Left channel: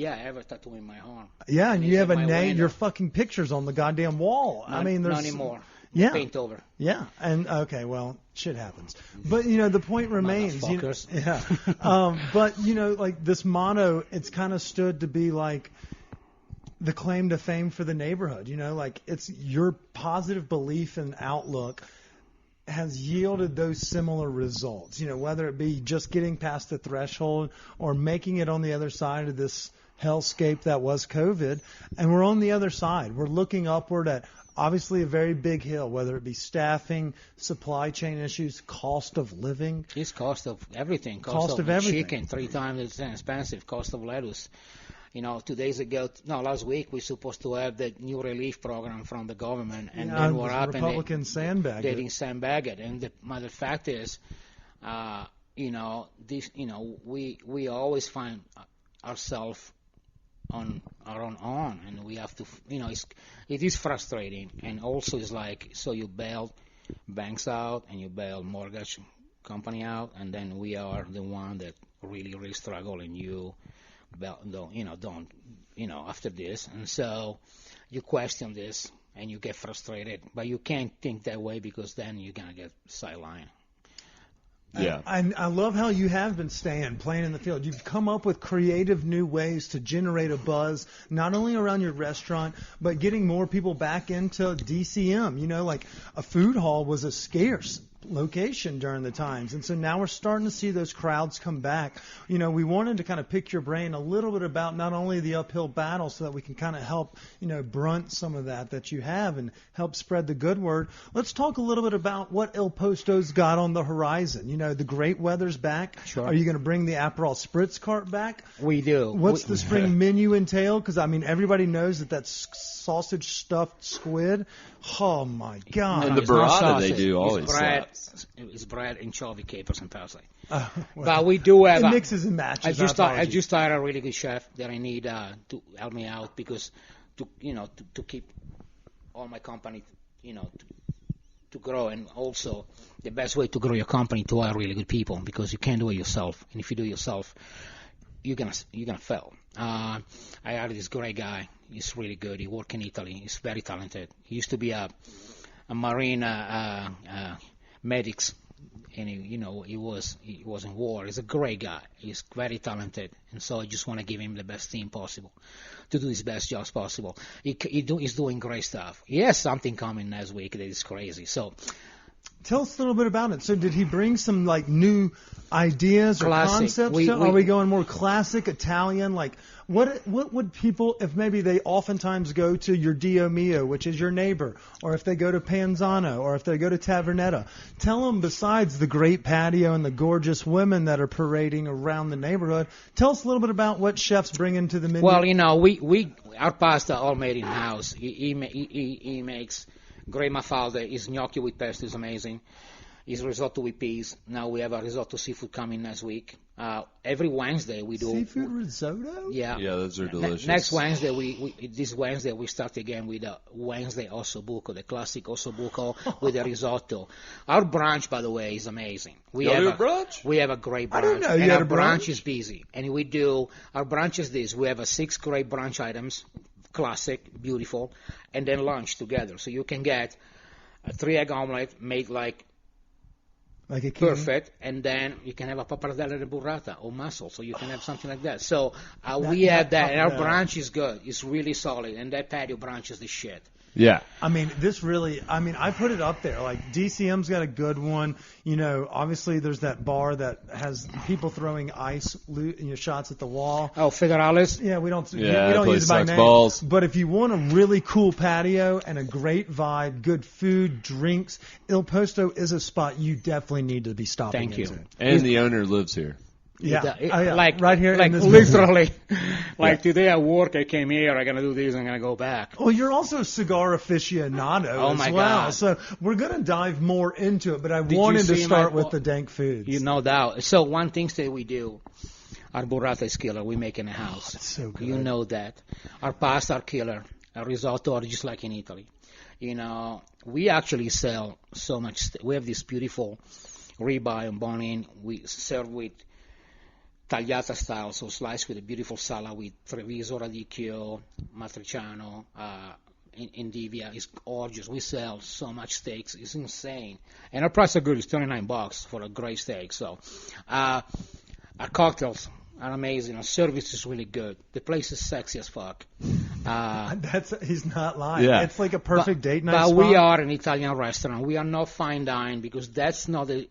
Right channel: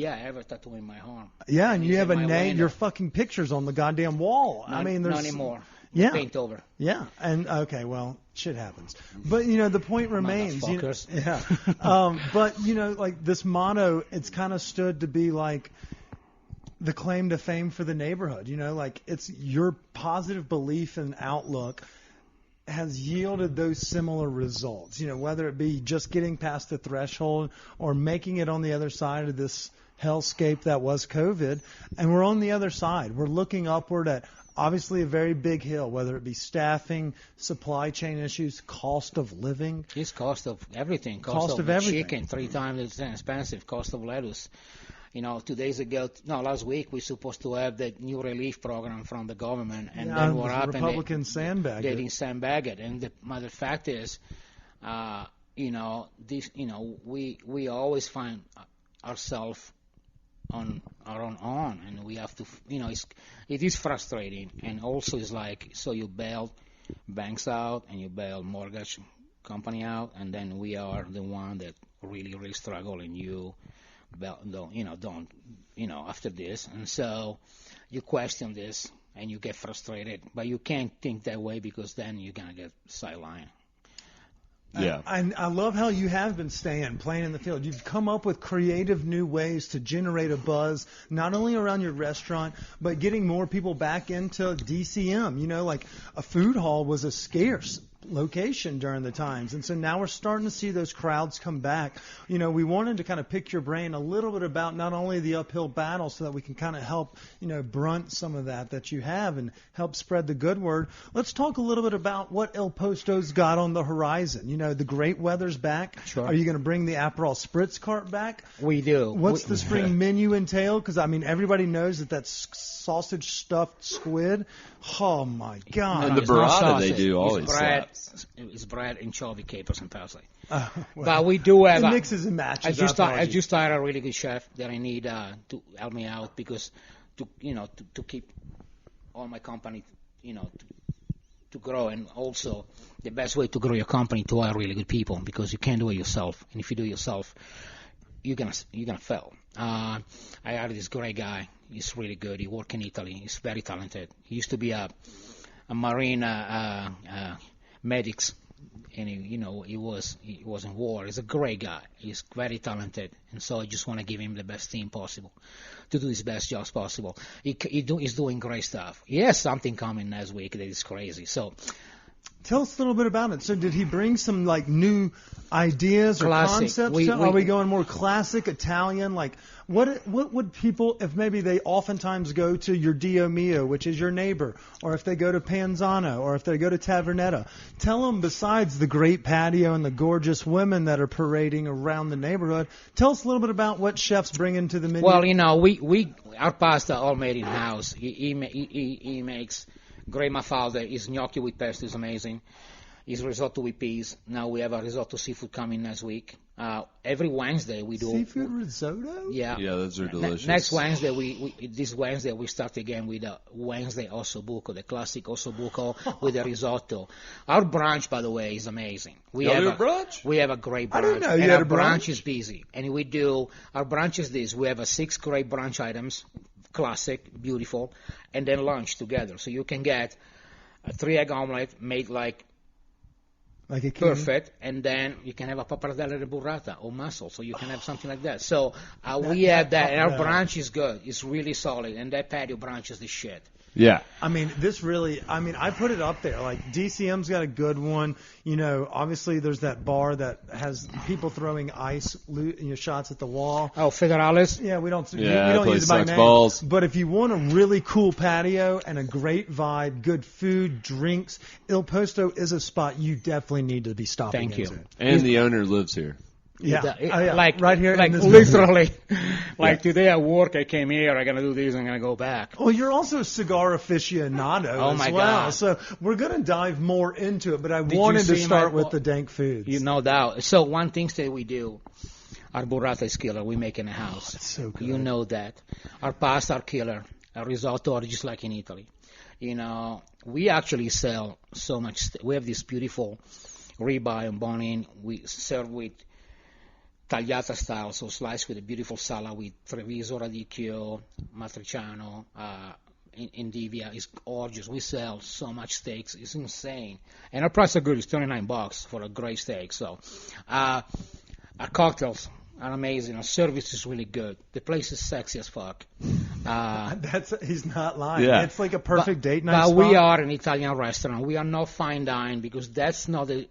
Yeah, I have a tattoo in my arm. Yeah, and you have a name. window. Your fucking picture's on the goddamn wall. I mean, there's not anymore. Yeah. Paint over. Yeah, and okay, well, shit happens. But the point remains. Motherfuckers. But like this motto, it's kind of stood to be like the claim to fame for the neighborhood. Like it's your positive belief and outlook has yielded those similar results. Whether it be just getting past the threshold or making it on the other side of this hellscape that was COVID, and we're on the other side. We're looking upward at obviously a very big hill, whether it be staffing, supply chain issues, cost of living. It's cost of everything. Cost of everything. Chicken, 3 times as expensive. Cost of lettuce. 2 last week we're supposed to have the new relief program from the government, and then what happened? Republicans sandbagged They didn't sandbag it, and the matter of fact is, we always find ourselves on our own arm, and we have to, it is frustrating, and also it's like, so you bail banks out and you bail mortgage company out, and then we are the one that really struggle, and you don't after this, and so you question this and you get frustrated, but you can't think that way because then you're gonna get sidelined. Yeah. I love how you have been playing in the field. You've come up with creative new ways to generate a buzz, not only around your restaurant, but getting more people back into DCM. Like a food hall was a scarce location during the times, and so now we're starting to see those crowds come back. We wanted to kind of pick your brain a little bit about not only the uphill battle so that we can kind of help brunt some of that you have and help spread the good word. Let's talk a little bit about what Il Posto's got on the horizon. The great weather's back. Sure. Are you going to bring the Aperol Spritz cart back? We do. What's the spring menu entail? Because everybody knows that sausage stuffed squid. Oh my God! And the burrata they do always slaps. It's bread, anchovy, capers, and parsley. Well, but we do have it mixes and matches. I just hired a really good chef that I need to help me out because to keep all my company to grow, and also the best way to grow your company to hire really good people, because you can't do it yourself, and if you do it yourself, you're gonna fail. I hired this great guy. He's really good. He works in Italy. He's very talented. He used to be a marine medics, and he was in war. He's a great guy. He's very talented, and so I just want to give him the best team possible to do his best jobs possible. He's doing great stuff. He has something coming next week that is crazy. So tell us a little bit about it. So did he bring some new ideas or concepts? Are we going more classic Italian? Like what would people, if maybe they oftentimes go to your Dio Mio, which is your neighbor, or if they go to Panzano, or if they go to Tavernetta, tell them besides the great patio and the gorgeous women that are parading around the neighborhood, tell us a little bit about what chefs bring into the menu. Well, we our pasta all made in house. He makes great mafalda. His gnocchi with pesto is amazing. His risotto with peas. Now we have a risotto seaweed coming next week. Every Wednesday we do seafood risotto. Yeah, those are delicious. Next Wednesday this Wednesday we start again with a Wednesday ossobuco, the classic ossobuco with the risotto. Our brunch, by the way, is amazing. We have a brunch. We have a great brunch. I don't know. And you our had a brunch is busy, and our brunch is this. We have 6 great brunch items, classic, beautiful, and then lunch together. So you can get a 3-egg omelet made like a king. Perfect, and then you can have a pappardelle de burrata or mussel, so you can have something like that. So we have that, and our brunch is good. It's really solid, and that patio brunch is the shit. Yeah. I put it up there. Like, DCM's got a good one. Obviously there's that bar that has people throwing ice shots at the wall. Oh, Federales? Yeah, we don't place use it by name. Balls. But if you want a really cool patio and a great vibe, good food, drinks, Il Posto is a spot you definitely need to be stopping into. Thank you. And the owner lives here. Yeah. Like right here, like in this literally. Like today at work, I came here. I'm gonna do this. I'm gonna go back. Well, you're also a cigar aficionado my as well, God. so we're gonna dive more into it. But I wanted to start with the dank foods. No doubt. So one thing that we do, our burrata is killer. We make in the house. It's so good. You know that. Our pasta are killer. Our risotto are just like in Italy. We actually sell so much. We have this beautiful ribeye and bone-in. We serve with tagliata style, so sliced with a beautiful salad with Treviso, radicchio, matriciano, Endivia. It's gorgeous. We sell so much steaks. It's insane. And our price are good. It's $29 for a great steak. So our cocktails are amazing. Our service is really good. The place is sexy as fuck. He's not lying. Yeah. It's like a perfect date night But spot. we are an Italian restaurant. We are not fine dine because that's not the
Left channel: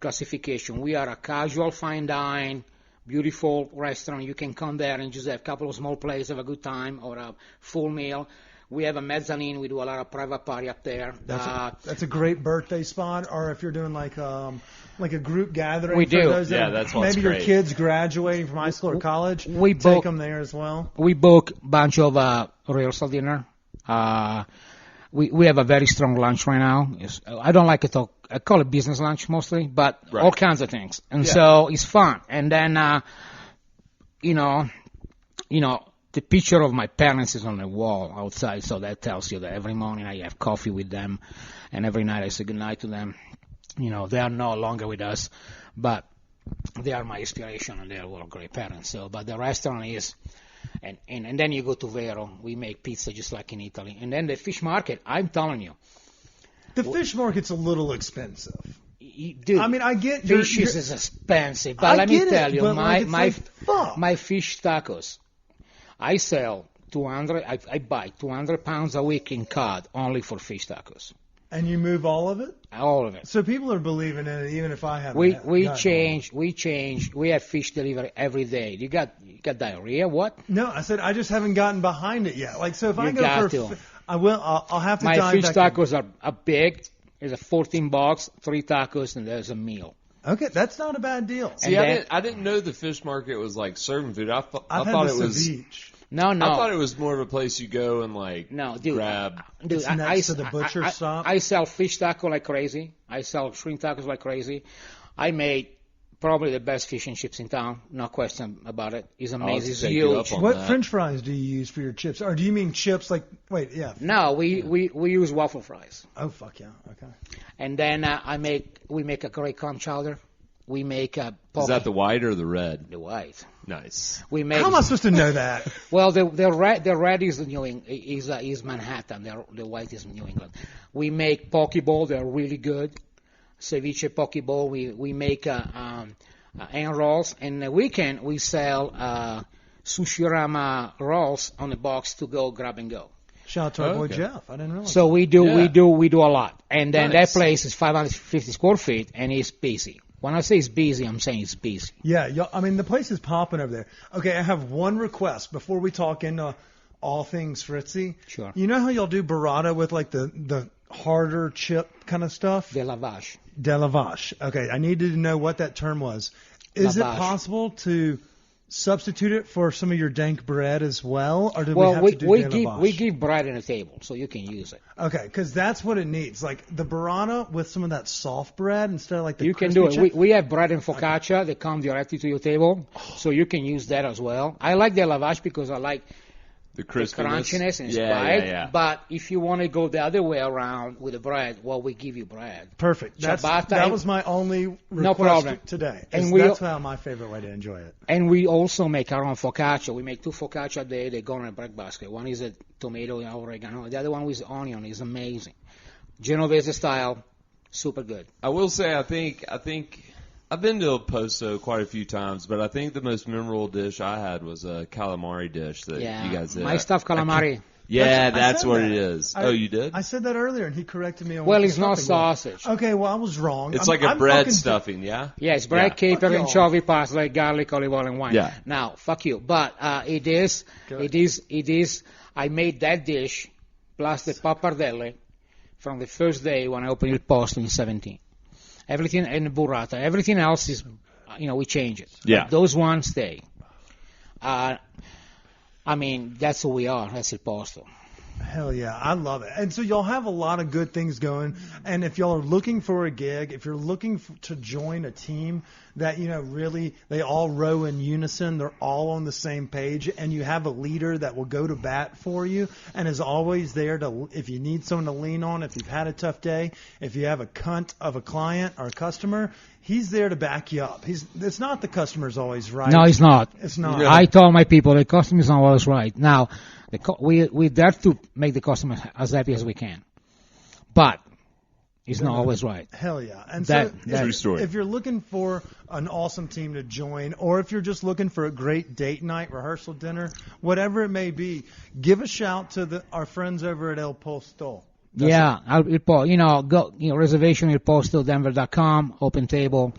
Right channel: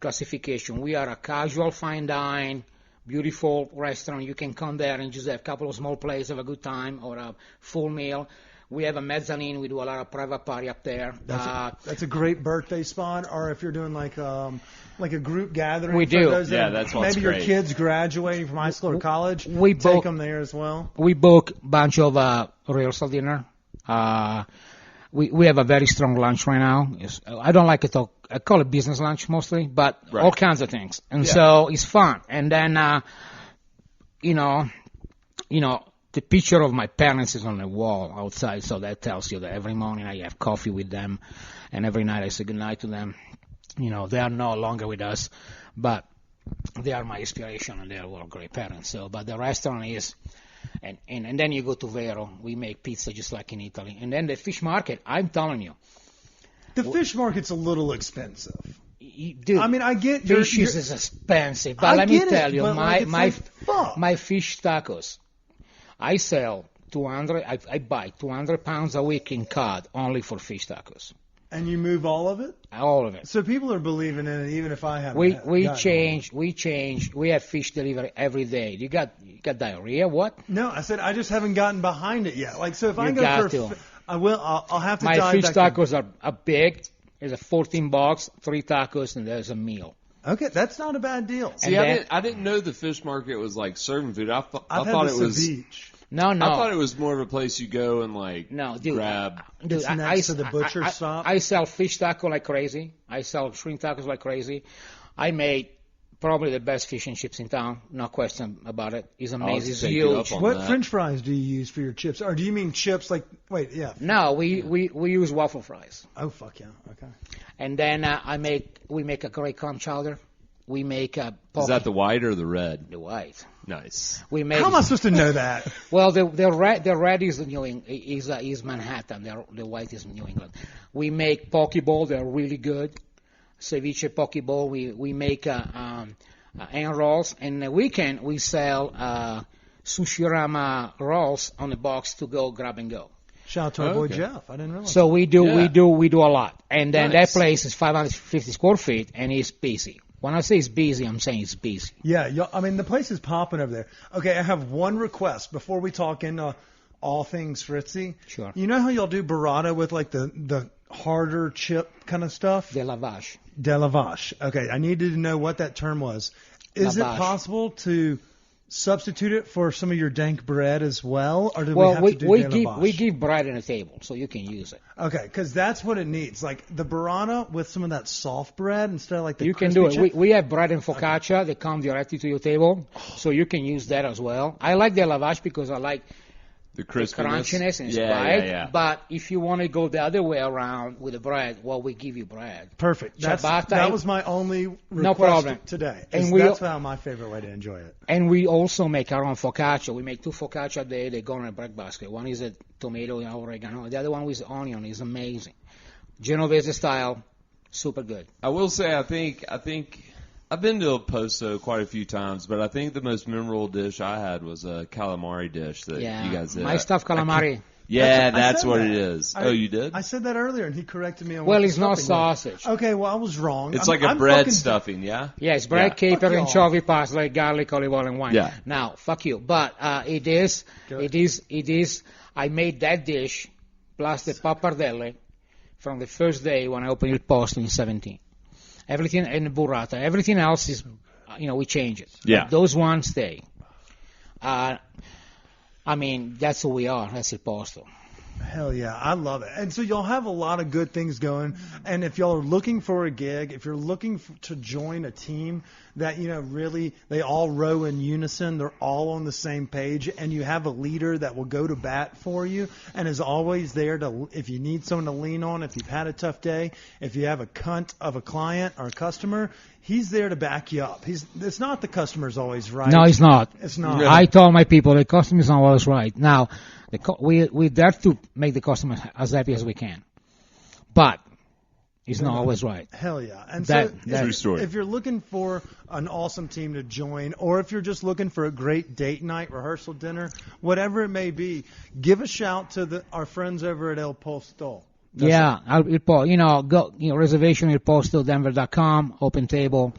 classification. We are a casual fine dine, beautiful restaurant. You can come there and just have a couple of small plates, have a good time, or a full meal. We have a mezzanine. We do a lot of private party up there. That's a great birthday spot. Or if you're doing like a group gathering. We do. For those Yeah, that that's what's maybe your great. kids graduating from high school or college. We take book them there as well. We book a bunch of rehearsal dinner. We have a very strong lunch right now. I don't like it. I call it business lunch mostly, but Right. all kinds of things. And Yeah. so it's fun. And then, the picture of my parents is on the wall outside, so that tells you that every morning I have coffee with them, and every night I say goodnight to them. They are no longer with us, but they are my inspiration, and they are all great parents. So, but the restaurant is, and then you go to Vero. We make pizza just like in Italy. And then the fish market, I'm telling you. The fish market's a little expensive. Dude, I mean, I get fish you're- is expensive, but I let me get it, tell you, but, like, it's like, fuck. my fish tacos, I sell 200. I buy 200 pounds a week in cod only for fish tacos, And you move all of it? all of it. So people are believing in it, even if I haven't. We gotten change. We have fish delivery every day. You got diarrhea? What? one. No, I said I just haven't gotten behind it yet. Like, so if I You go got for, to. I will. I'll have to My dive fish back in. tacos are big. There's a 14 bucks, 3 tacos, and there's a meal. Okay, that's not a bad deal. See, And I didn't know the fish market was like serving food. I thought had it the was. ceviche. No. I thought it was more of a place you go and like No, dude. grab. Dude, It's next to the butcher shop. I sell fish taco like crazy. I sell shrimp tacos like crazy. I made probably the best fish and chips in town. No question about it. It's amazing. It's take you up huge. on What that. French fries do you use for your chips? Or do you mean chips like? Wait, yeah. No, we use waffle fries. Oh fuck yeah. Okay. And then we make a great clam chowder. We make a Is that the white or the red? the white. Nice. We make How am I supposed to know that? well the red is is Manhattan. The white is New England. We make poke bowl. They're really good. Ceviche poke bowl. We make hand rolls. And the weekend we sell Sushirama rolls on the box to go grab and go. Shout out to our boy Okay. Jeff. I didn't realize. So we do a lot. And then Nice. that place is 550 square feet and it's busy. When I say it's busy, I'm saying it's busy. Yeah, I mean the place is popping over there. Okay, I have one request before we talk into all things Frizzi. Sure. You know how y'all do burrata with like the harder chip kind of stuff? De lavage. De lavage. Okay, I needed to know what that term was. Is it Lavage. possible to substitute it for some of your dank bread as well, or do we Well, have we to do we de give lavage? we give bread on the table, so you can use it. Okay, because that's what it needs. Like the burrata with some of that soft bread instead of like the You can crispy do it. chip. We have bread and focaccia. They come directly to your table, so you can use that as well. I like the lavage because I like The the crispiness. crunchiness and yeah, spice. yeah. But if you want to go the other way around with the bread, well, we give you bread. Perfect. Ciabatta That and- was my only request No problem. today. And That's how my favorite way to enjoy it. And we also make our own focaccia. We make 2 focaccia a day. They go in a bread basket. One is a tomato and oregano. The other one is onion. It's amazing. Genovese style, super good. I will say, I think I've been to Il Posto quite a few times, but I think the most memorable dish I had was a calamari dish that Yeah, you guys did. my stuffed calamari. Yeah, I that's said what that. it is. I- Oh, you did? I said that earlier, and he corrected me on Well, what the it's not stuffing was. sausage. Okay, well, I was wrong. It's I'm- like a I'm bread fucking- stuffing, yeah? Yeah, it's bread, Yeah. caper, Fuck anchovy, parsley, garlic, olive oil, and wine. Yeah. Now, fuck you. But it is. I made that dish plus the pappardelle from the first day when I opened Il Posto in 17. Everything and the burrata. Everything else is, we change it. Yeah. But those ones stay. I mean, that's who we are. That's Il Posto. Hell yeah, I love it. And so y'all have a lot of good things going. And if y'all are looking for a gig, if you're looking to join a team that, really they all row in unison, they're all on the same page, and you have a leader that will go to bat for you and is always there to, if you need someone to lean on, if you've had a tough day, if you have a cunt of a client or a customer, he's there to back you up. It's not the customer's always right. No, it's not. It's not. Yeah. I told my people the customer is not always right. Now, we dare to make the customer as happy as we can, but it's not always right. Hell yeah. And true story. If you're looking for an awesome team to join, or if you're just looking for a great date night, rehearsal dinner, whatever it may be, give a shout to our friends over at Il Posto. Go reservation Il Posto Denver.com, open table.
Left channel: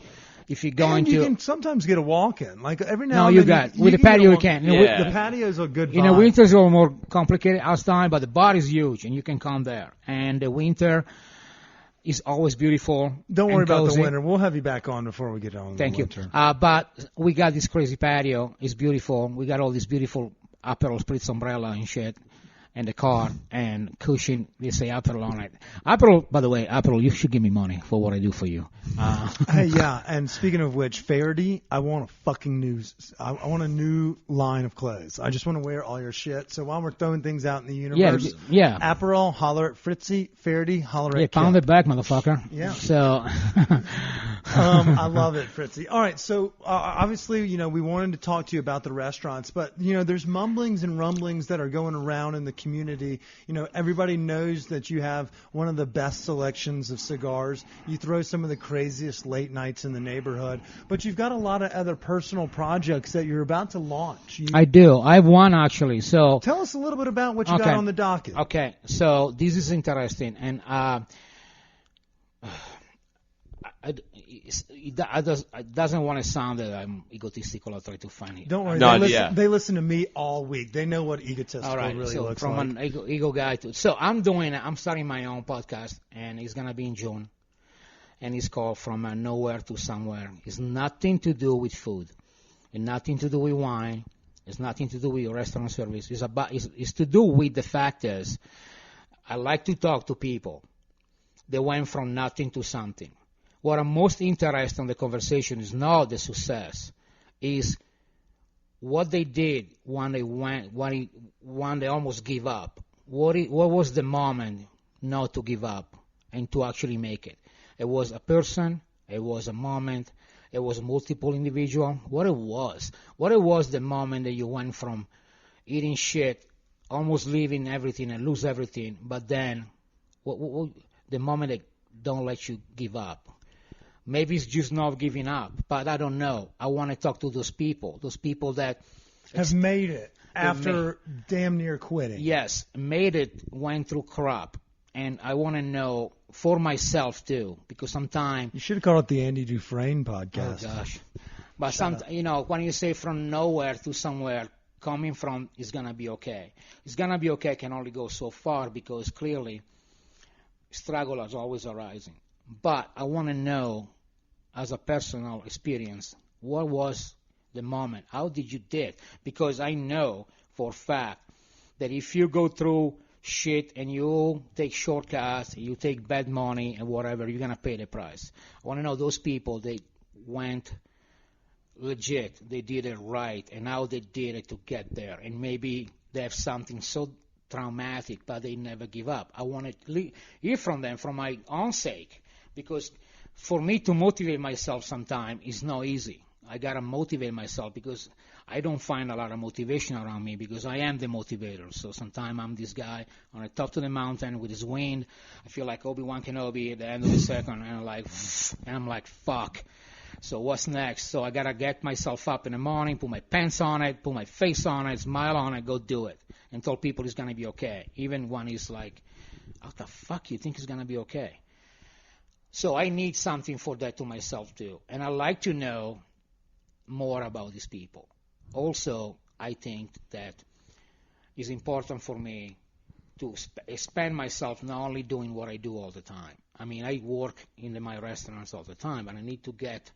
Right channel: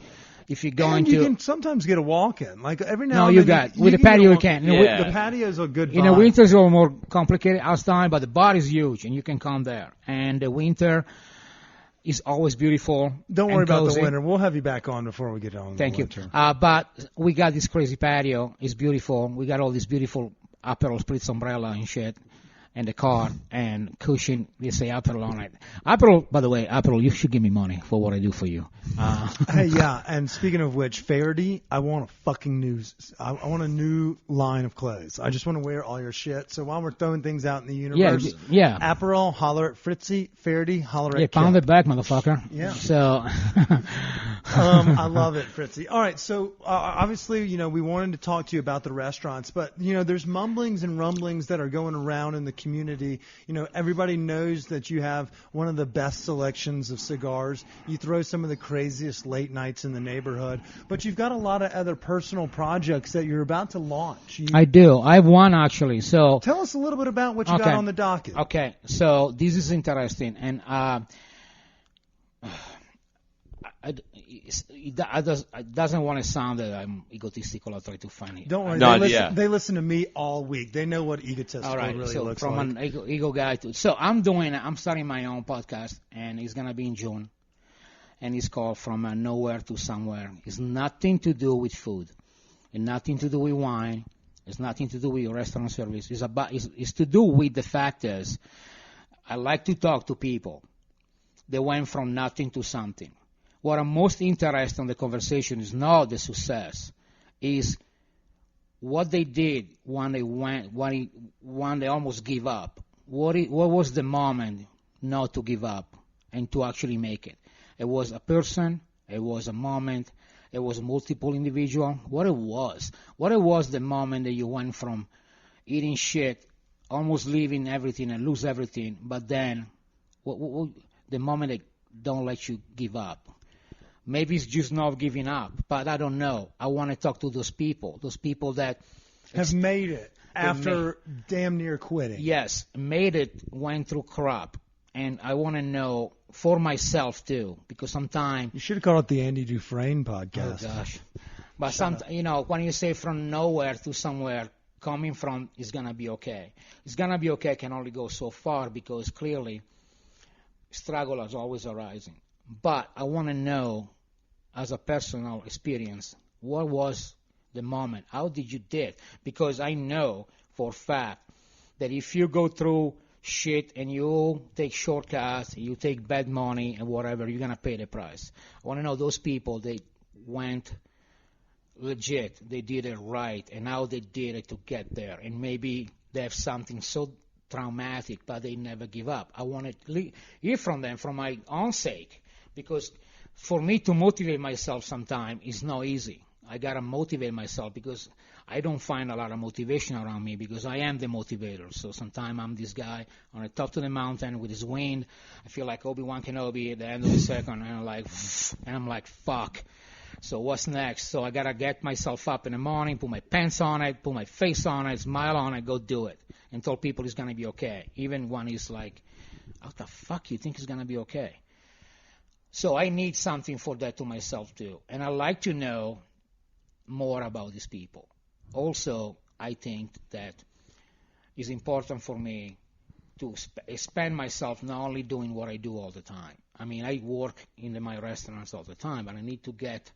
If you're going you can sometimes get a walk-in. Like every now no, and you then. got with the patio you can. The patio's a good vibe. Winter's a little more complicated outside, but the bar is huge and you can come there. And the winter is always beautiful. Don't worry about the winter. We'll have you back on before we get on. Thank you. Winter. But we got this crazy patio. It's beautiful. We got all this beautiful Aperol Spritz umbrella and shit. And the car and cushion, they say Aperol on it. Aperol, by the way, Aperol, you should give me money for what I do for you. Hey, yeah, and speaking of which, Faraday, I want I want a new line of clothes. I just want to wear all your shit. So while we're throwing things out in the universe, yeah. Aperol, holler at Frizzi, Faraday, holler at pound Kip. it back, motherfucker. Yeah. So. I love it, Fritzy. All right, so obviously, we wanted to talk to you about the restaurants, but, there's mumblings and rumblings that are going around in the community. Everybody knows that you have one of the best selections of cigars. You throw some of the craziest late nights in the neighborhood, but you've got a lot of other personal projects that you're about to launch. I do. I have one, actually. So tell us a little bit about what you got on the docket. Okay, so this is interesting, and it doesn't want to sound that I'm egotistical or try to find it. Don't worry. They listen to me all week. They know what egotistical really looks from like. From an ego guy to... So I'm starting my own podcast, and it's going to be in June. And it's called From Nowhere to Somewhere. It's nothing to do with food. And nothing to do with wine. It's nothing to do with restaurant service. It's to do with the fact is, I like to talk to people that went from nothing to something. What I'm most interested in the conversation is not the success, is what they did when they almost give up. What was the moment not to give up and to actually make it? It was a person, it was a moment, it was multiple individual. What it was the moment that you went from eating shit, almost leaving everything and lose everything, but then the moment that don't let you give up. Maybe it's just not giving up, but I don't know. I want to talk to those people that have made it after damn near quitting. Yes, made it, went through crap, and I want to know for myself too, because sometimes you should have called it the Andy Dufresne podcast. Oh gosh, but when you say from nowhere to somewhere, coming from is gonna be okay. It's gonna be okay can only go so far because clearly struggle is always arising. But I want to know, as a personal experience, what was the moment? How did you do it? Because I know for a fact that if you go through shit and you take shortcuts, you take bad money and whatever, you're going to pay the price. I want to know those people, they went legit, they did it right, and how they did it to get there. And maybe they have something so traumatic, but they never give up. I want to hear from them for my own sake. Because for me to motivate myself sometimes is not easy. I got to motivate myself because I don't find a lot of motivation around me because I am the motivator. So sometimes I'm this guy on the top of the mountain with his wind. I feel like Obi-Wan Kenobi at the end of the second, and I'm like, fuck. So what's next? So I got to get myself up in the morning, put my pants on it, put my face on it, smile on it, go do it, and tell people it's going to be okay. Even when it's like, what the fuck you think it's going to be okay? So I need something for that to myself too. And I like to know more about these people. Also, I think that it's important for me to expand myself, not only doing what I do all the time. I mean, I work in my restaurants all the time, but I need to get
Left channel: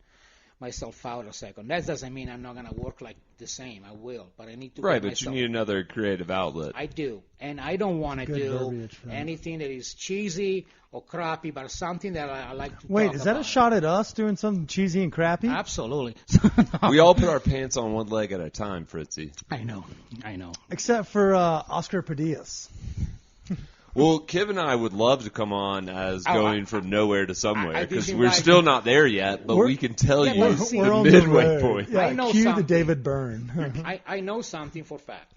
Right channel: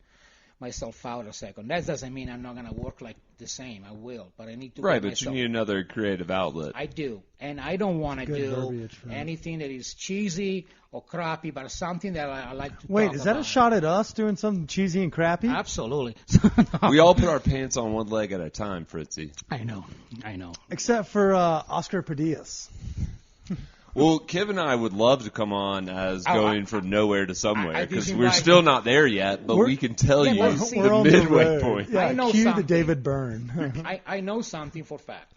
myself out a second. That doesn't mean I'm not gonna work like the same. I will, but I need to. Right, get but myself, you need another creative outlet. I do, and I don't want to Good do verbiage, friend. anything that is cheesy or crappy, but something that I like to. Wait, talk is that about. a shot at us doing something cheesy and crappy? Absolutely. We all put our pants on one leg at a time, Fritzy. I know. Except for Oscar Padillas. Well, Kip and I would love to come on as going from nowhere to somewhere I because just we're invite still you. not there yet, but We're- we can tell Yeah, you but the see, We're on the midway road. point. Yeah, I know cue the something. David Byrne. I know something for fact.